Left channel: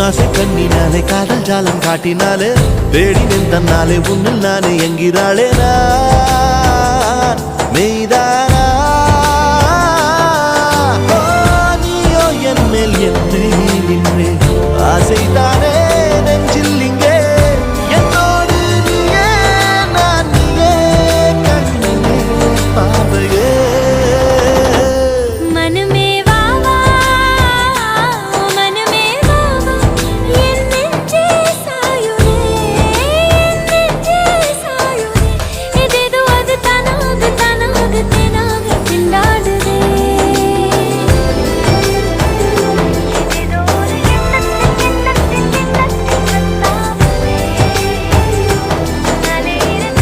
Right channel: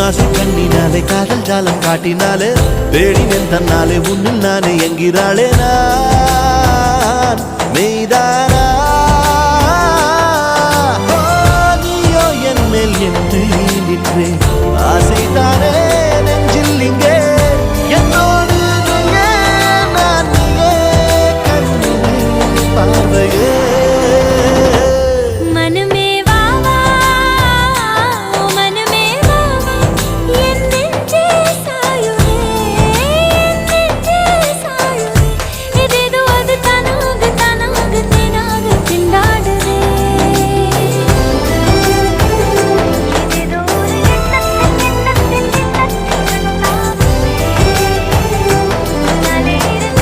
உன்னாசை கண்ணினாலே காதல் ஜாலம் காட்டினாலே தேடினேன் தன்னாலே உன்னில் நானே என்கிறாளே நான் மெய்தானா என் மேல் என்னை நின்றே ஆசைதானே நெஞ்சில் இங்கே